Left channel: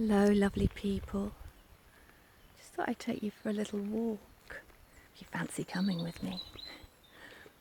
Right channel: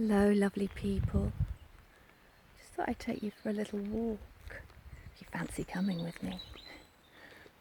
Hello, lovely people. Just thought I'd take you for a little walk. If you fancy coming with me.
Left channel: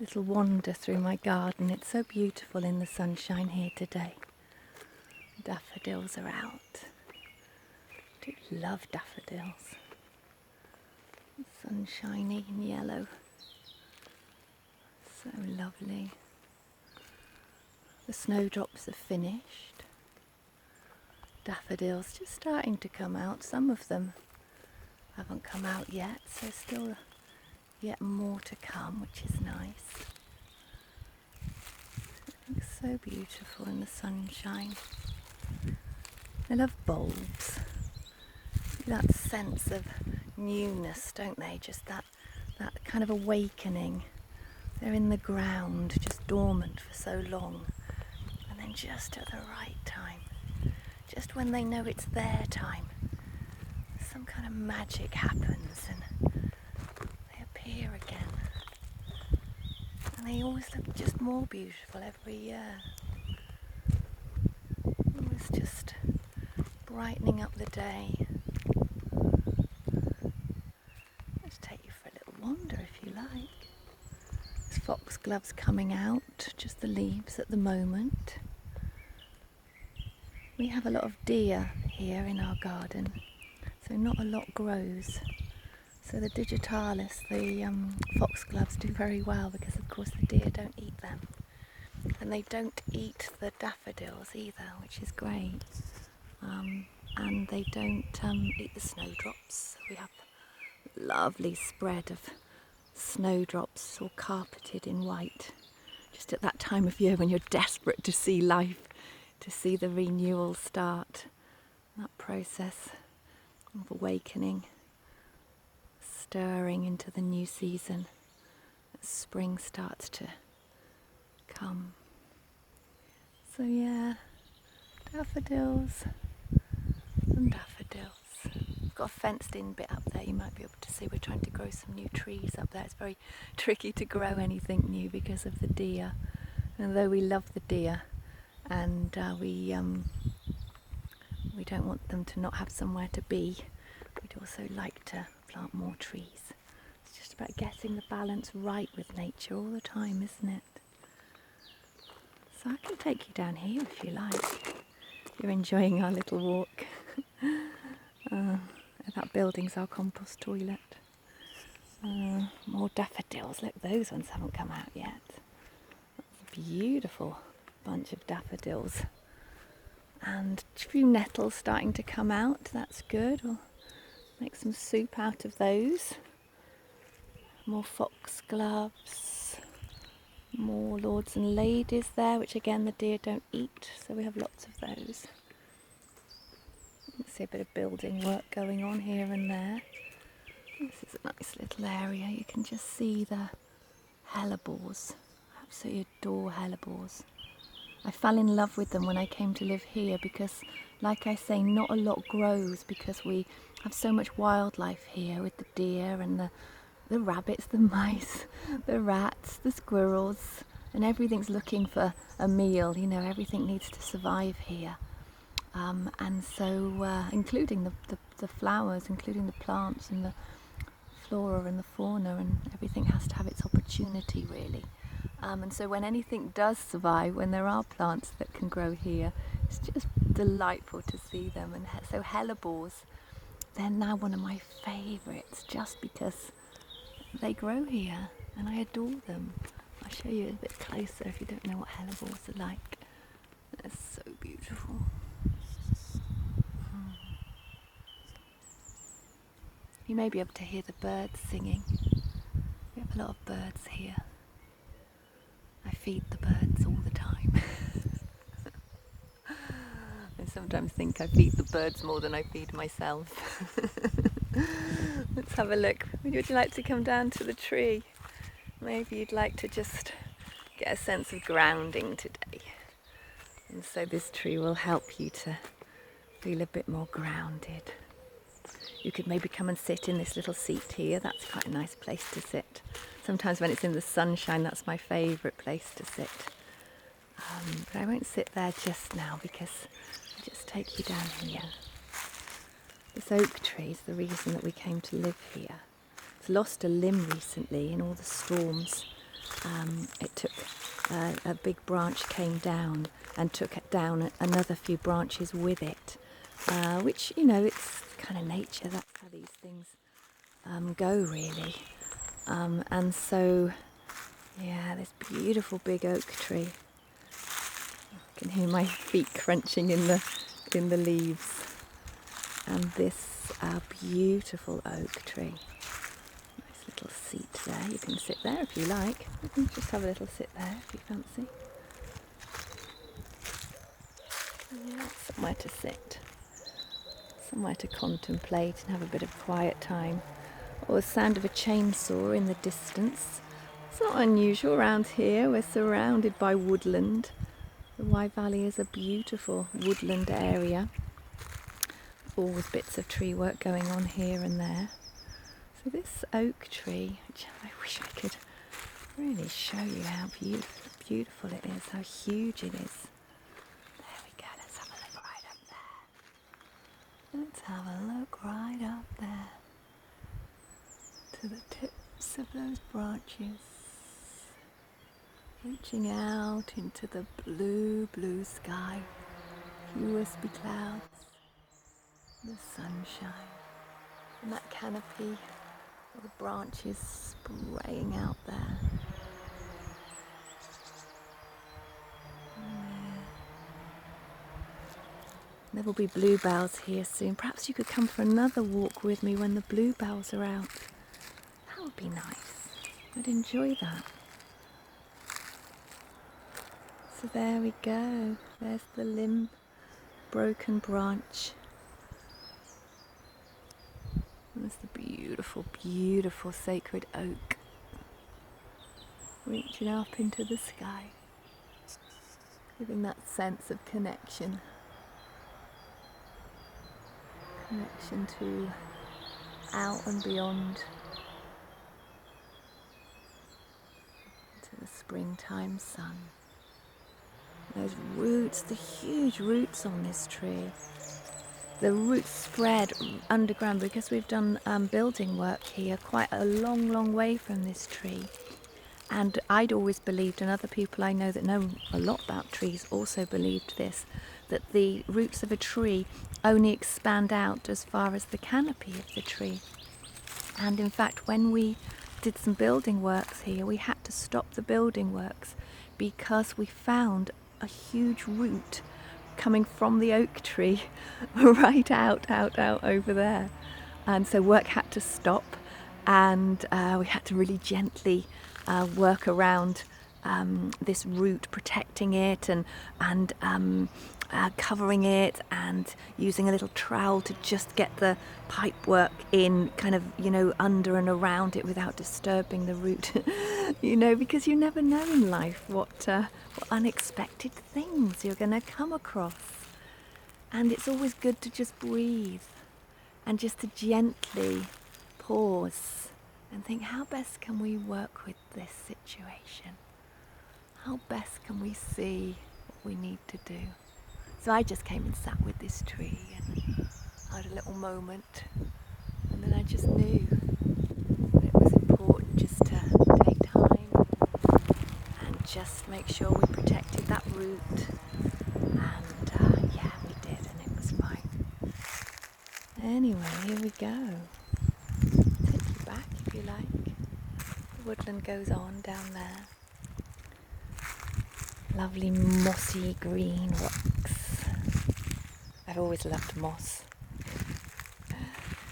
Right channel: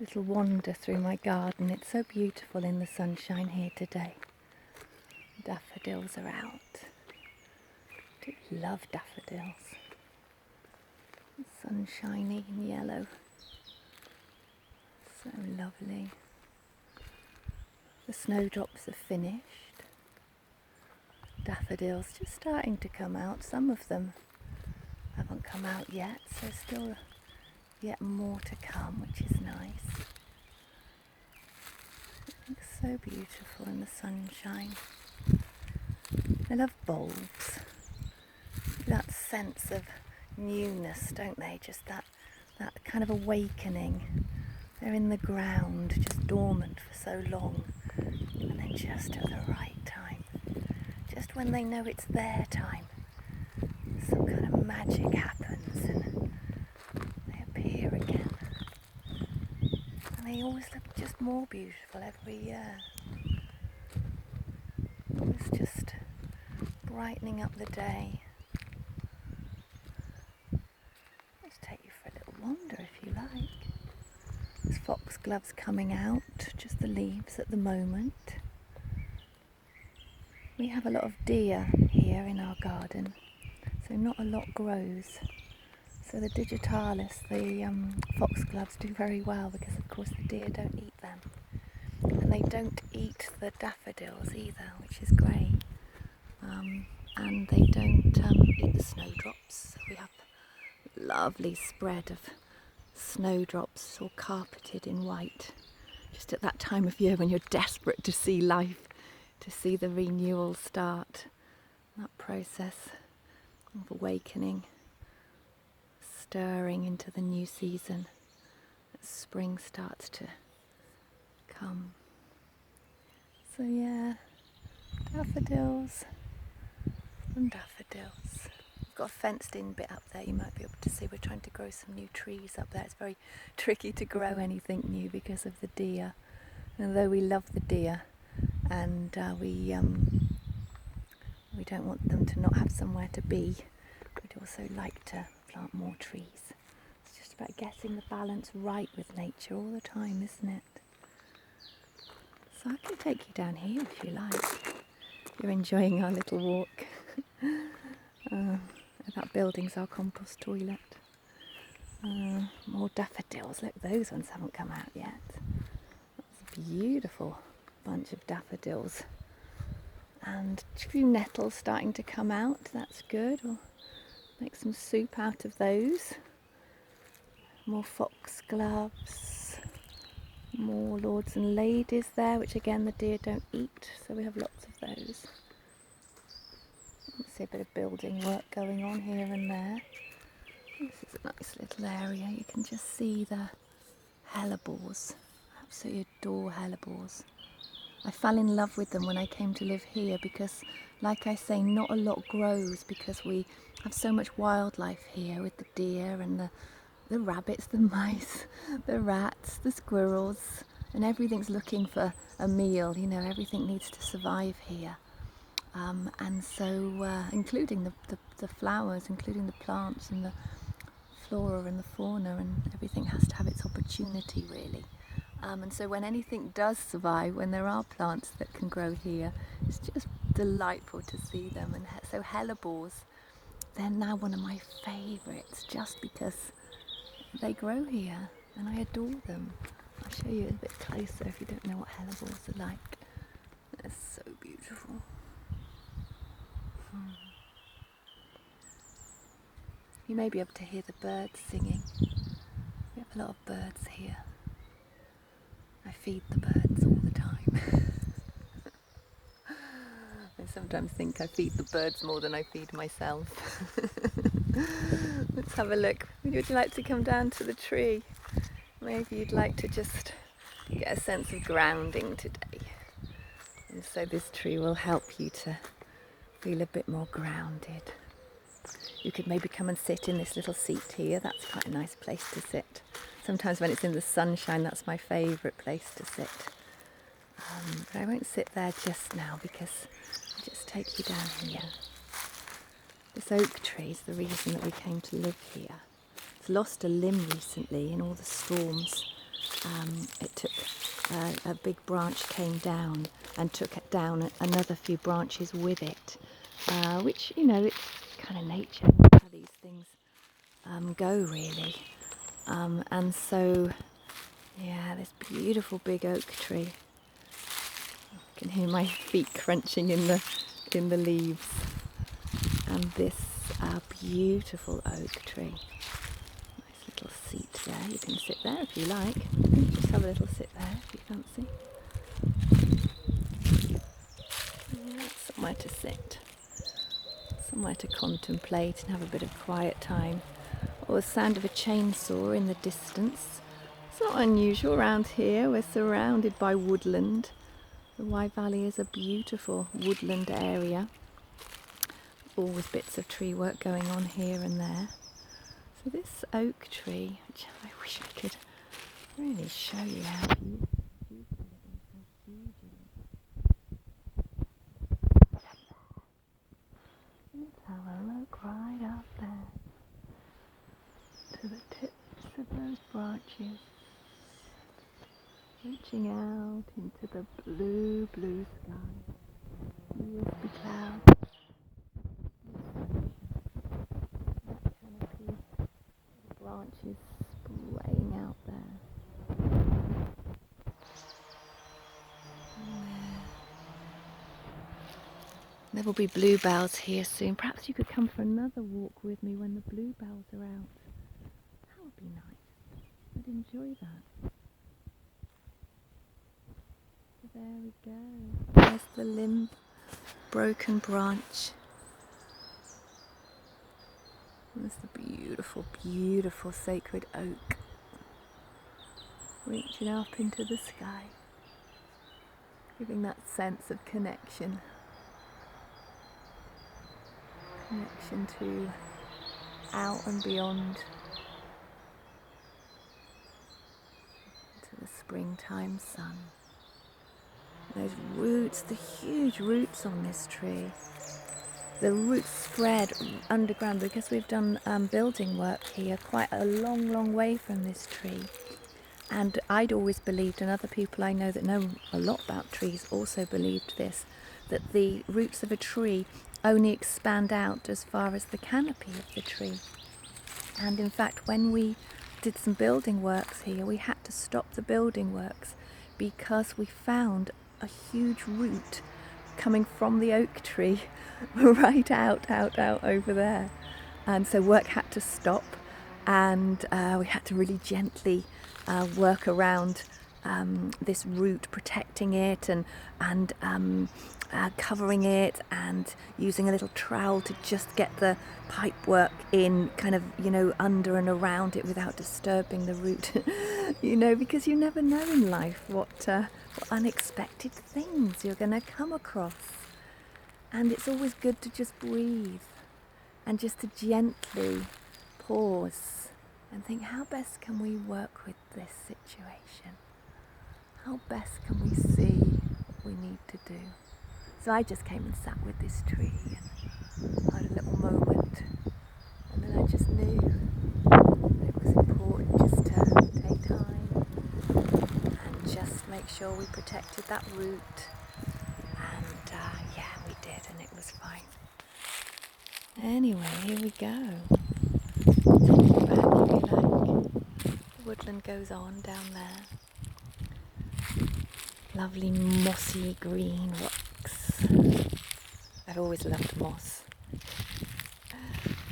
Little wander through my garden. It's so beautiful in the sunshine here today. Daffodils are out. I do love daffodils. Sunshiny and yellow. So lovely. The snowdrops are finished. Daffodils just starting to come out. Some of them haven't come out yet, so still yet more to come, which is nice. It looks so beautiful in the sunshine. I love bulbs. That sense of newness, don't they? Just that kind of awakening. They're in the ground, just dormant for so long, and then just at the right time, just when they know it's their time, some kind of magic happens and they appear again. And they always look just more beautiful every year. Always just brightening up the day. Let's take you for a little wander if you like. There's foxgloves coming out, just the leaves at the moment. We have a lot of deer here in our garden, so not a lot grows. So the digitalis, the foxgloves, do very well because of course the deer don't eat them. And they don't eat the daffodils either, which is great. And they don't eat the snowdrops. So we have a lovely spread of snowdrops all carpeted in white. Just at that time of year when you're desperate to see life, to see the renewal start, that process of awakening, stirring into the new season as spring starts to come. So yeah, daffodils and daffodils. We've got a fenced in bit up there, you might be able to see. We're trying to grow some new trees up there. It's very tricky to grow anything new because of the deer. And although we love the deer, and we don't want them to not have somewhere to be, we'd also like to plant more trees. It's just about getting the balance right with nature all the time, isn't it? So I can take you down here if you like, if you're enjoying our little walk. That building's our compost toilet. More daffodils. Look, those ones haven't come out yet. That's a beautiful bunch of daffodils. And a few nettles starting to come out. That's good. We'll make some soup out of those. More foxgloves. More lords and ladies there, which again the deer don't eat, so we have lots of those. See a bit of building work going on here and there. This is a nice little area. You can just see the hellebores. I absolutely adore hellebores. I fell in love with them when I came to live here because, like I say, not a lot grows because we have so much wildlife here with the deer and the rabbits, the mice, the rats, the squirrels, and everything's looking for a meal. You know, everything needs to survive here. And so, including the flowers, including the plants and the flora and the fauna, and everything has to have its opportunity, really. And so when anything does survive, when there are plants that can grow here, it's just delightful to see them. And so hellebores, they're now one of my favourites, just because they grow here, and I adore them. I'll show you a bit closer if you don't know what hellebores are like. They're so beautiful. You may be able to hear the birds singing. We have a lot of birds here. I feed the birds all the time. I sometimes think I feed the birds more than I feed myself. Let's have a look. Would you like to come down to the tree? Maybe you'd like to just get a sense of grounding today. And so this tree will help you to feel a bit more grounded. You could maybe come and sit in this little seat here. That's quite a nice place to sit. Sometimes when it's in the sunshine, that's my favourite place to sit. But I won't sit there just now because I'll just take you down here. This oak tree is the reason that we came to live here. It's lost a limb recently in all the storms. It took a big branch came down and took it down another few branches with it, which, you know, it's kind of nature. That's how these things go, really. And so, yeah, this beautiful big oak tree. I can hear my feet crunching in the leaves. And this beautiful oak tree. Nice little seat there. You can sit there if you like. Just have a little sit there if you fancy. Yeah, somewhere to sit. Somewhere to contemplate and have a bit of quiet time. Or the sound of a chainsaw in the distance. It's not unusual around here. We're surrounded by woodland. The Wye Valley is a beautiful woodland area. Always bits of tree work going on here and there. So this oak tree, which I wish I could really show you how beautiful it is, how huge it is. There we go, let's have a look right up there. Let's have a look right up there. To the tips of those branches. Reaching out into the blue, blue sky. Few wispy clouds. The sunshine, and that canopy of the branches spraying out there. There will be bluebells here soon. Perhaps you could come for another walk with me when the bluebells are out. That would be nice. I'd enjoy that. So there we go. There's the limb, broken branch. There's the beautiful, beautiful sacred oak reaching up into the sky, giving that sense of connection. Connection to out and beyond, to the springtime sun. Those roots, the huge roots on this tree. The roots spread underground because we've done building work here quite a long, long way from this tree. And I'd always believed, and other people I know that know a lot about trees also believed this, that the roots of a tree only expand out as far as the canopy of the tree. And in fact, when we did some building works here, we had to stop the building works because we found a huge root coming from the oak tree right out over there. And so work had to stop, and we had to really gently work around this root, protecting it and covering it, and using a little trowel to just get the pipe work in, kind of, you know, under and around it without disturbing the root. You know, because you never know in life what unexpected things you're going to come across. And it's always good to just breathe and just to gently pause and think, how best can we work with this situation? How best can we see what we need to do? So I just came and sat with this tree and had a little moment, and then I just knew that it was important just to take time and just make sure we protected that root. And yeah, we did, and it was fine. Anyway, here we go. Take it back if you like. The woodland goes on down there. Lovely mossy green rocks. I've always loved moss.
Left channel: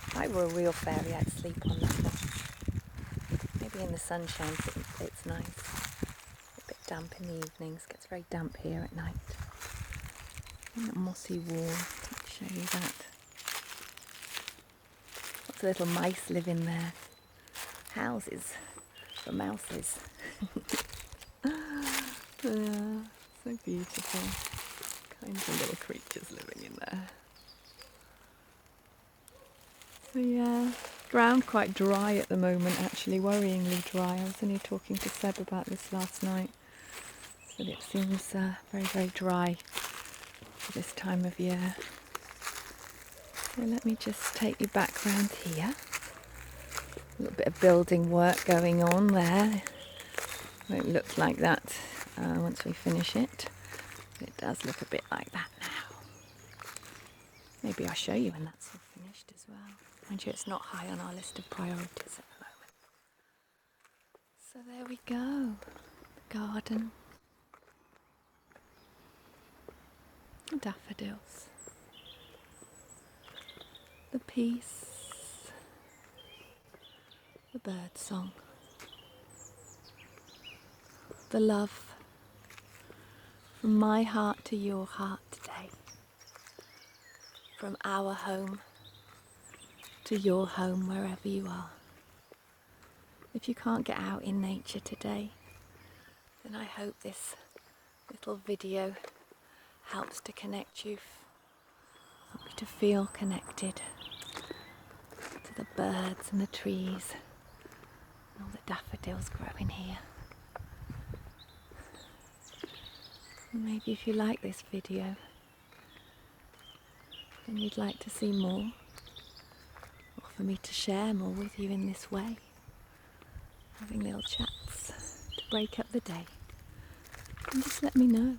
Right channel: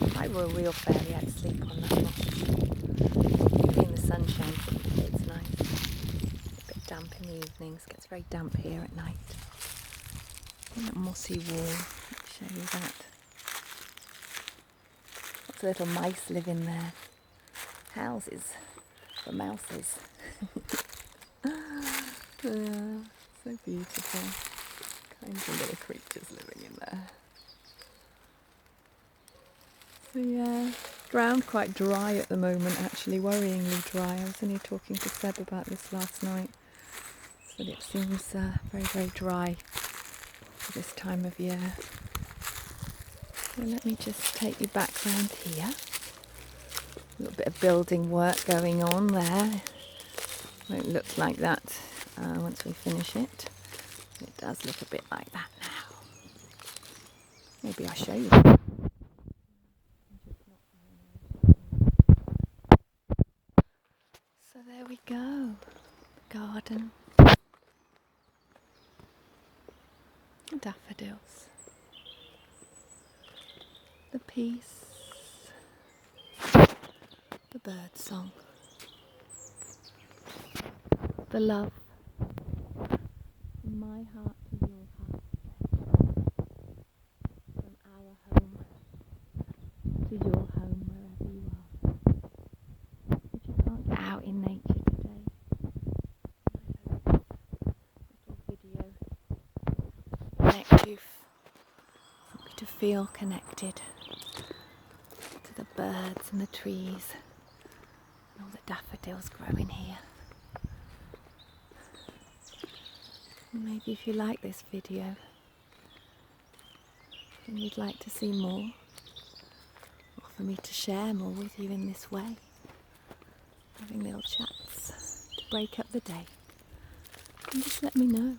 If I were a real fairy, I'd sleep on that moss. Maybe in the sunshine, it's nice. A bit damp in the evenings. Gets very damp here at night. And that mossy wall. Let me show you that. Lots of little mice live in there. Houses for mouses. Yeah, so beautiful. Kinds of little creatures living in there. So yeah, ground quite dry at the moment, actually, worryingly dry. I was only talking to Seb about this last night, but it seems very, very dry for this time of year. So let me just take you back round here. A little bit of building work going on there. Won't look like that once we finish it. It does look a bit like that now. Maybe I'll show you that once it's finished as well. Mind you, it's not high on our list of priorities at the moment. So there we go. The garden. The daffodils. The peace. The bird song. The love. From my heart to your heart today. From our home to your home, wherever you are. If you can't get out in nature today, then I hope this little video helps to connect you, help you to feel connected to the birds and the trees and all the daffodils growing here. And maybe if you like this video, and you'd like to see more, or for me to share more with you in this way, having little chats to break up the day, then just let me know.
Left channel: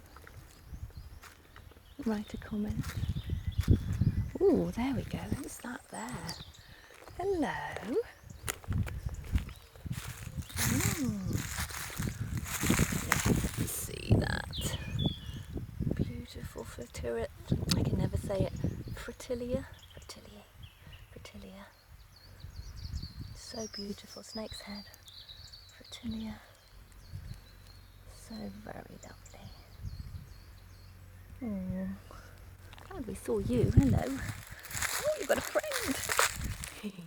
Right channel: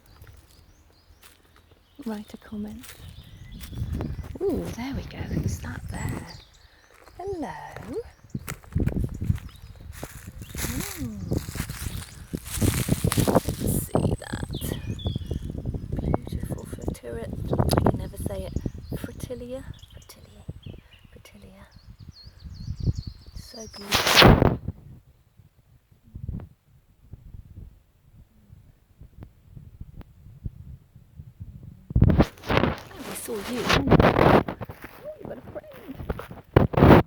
Write a comment. Ooh, there we go. Who's that there? Hello. See that? Beautiful fritilia. I can never say it. Fritilia. So beautiful on his head. Fritilia. So very lovely. Oh, we saw you. Hello. Oh, you've got a friend. I'd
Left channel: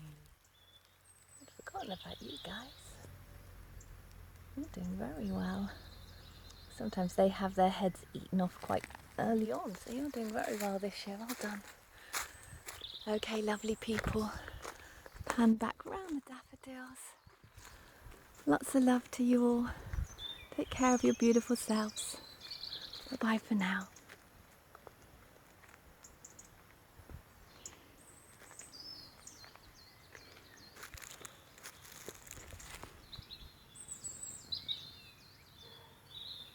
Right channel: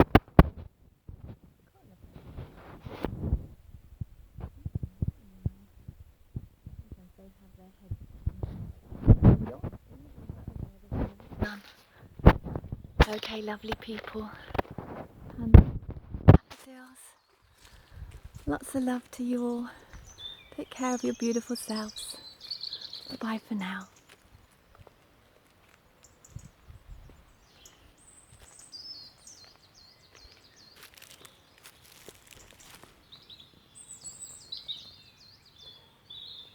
forgotten about you guys. You're doing very well. Sometimes they have their heads eaten off quite early on, so you're doing very well this year. Well done. Okay, lovely people. Pan back round the daffodils. Lots of love to you all. Take care of your beautiful selves. Bye-bye for now.